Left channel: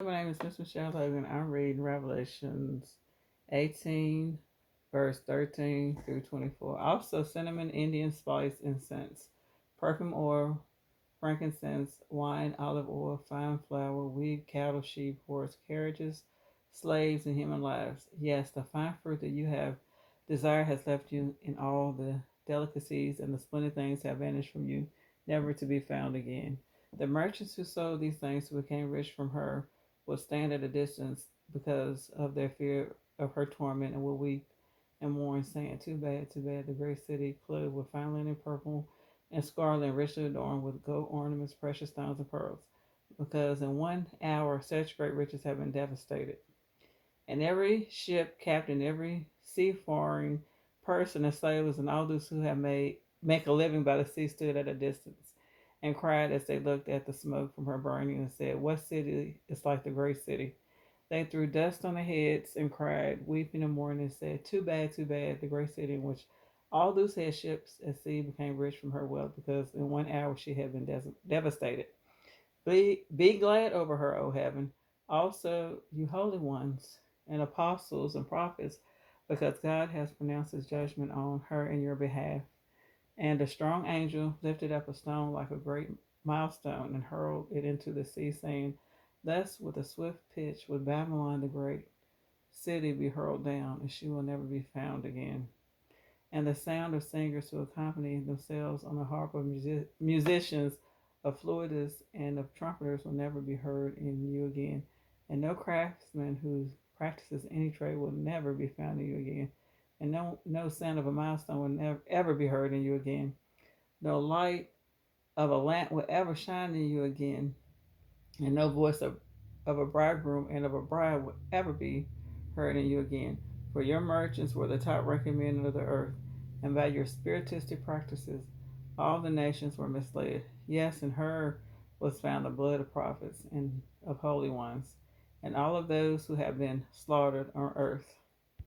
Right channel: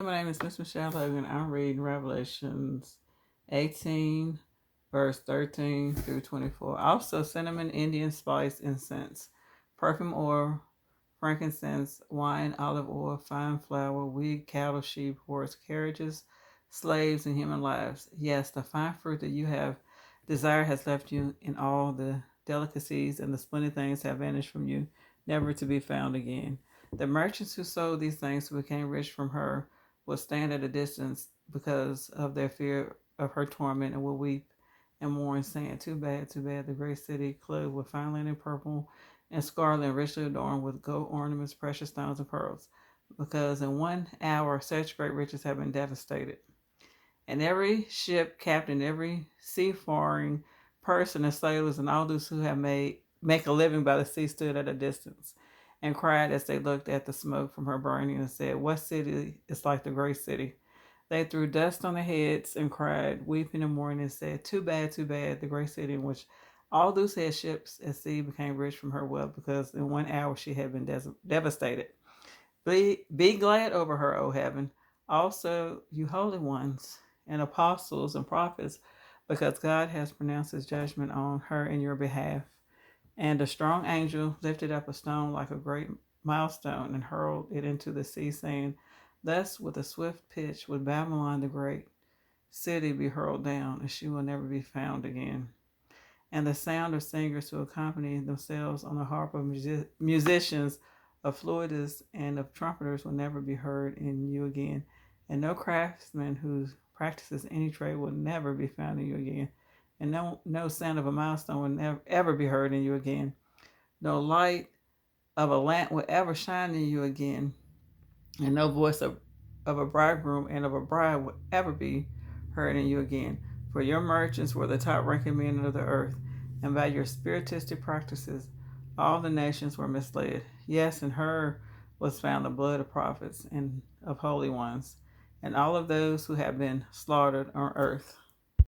My name is Miss Michelle Logan. I'm reading Revelations 18, verse 13 through 24. Also, cinnamon, Indian spice, incense, perfume oil, frankincense, wine, olive oil, fine flour, wheat, cattle, sheep, horse, carriages, slaves, and human lives. Yes, the fine fruit that you have desired has left you, and all the delicacies and the splendid things have vanished from you, never to be found again. The merchants who sold these things became rich from her will stand at a distance because of their fear of her torment and will weep and mourn, saying, too bad, the great city, clothed with fine linen, purple and scarlet, and richly adorned with gold ornaments, precious stones, and pearls, because in 1 hour such great riches have been devastated. And every ship captain, every seafaring person, and sailors, and all those who have made make a living by the sea stood at a distance and cried as they looked at the smoke from her burning and said, what city is like the great city? They threw dust on their heads and cried, weeping and mourning, and said, too bad, the great city in which all those head ships at sea became rich from her wealth, because in 1 hour she had been devastated. Be glad over her, O heaven, also you holy ones and apostles and prophets, because God has pronounced his judgment on her in your behalf. And a strong angel lifted up a stone like a great milestone and hurled it into the sea, saying, thus with a swift pitch would Babylon the great city be hurled down, and she will never be found again. And the sound of singers who accompany themselves on the harp of musicians, of flutists, and of trumpeters will never be heard in you again. And no craftsman who practices any trade will never be found in you again. And no sound of a milestone will never ever be heard in you again. No light of a lamp will ever shine in you again. And no voice of a bridegroom and of a bride will ever be heard in you again. For your merchants were the top ranking men of the earth, and by your spiritistic practices all the nations were misled. Yes, in her was found the blood of prophets and of holy ones, and all of those who have been slaughtered on earth.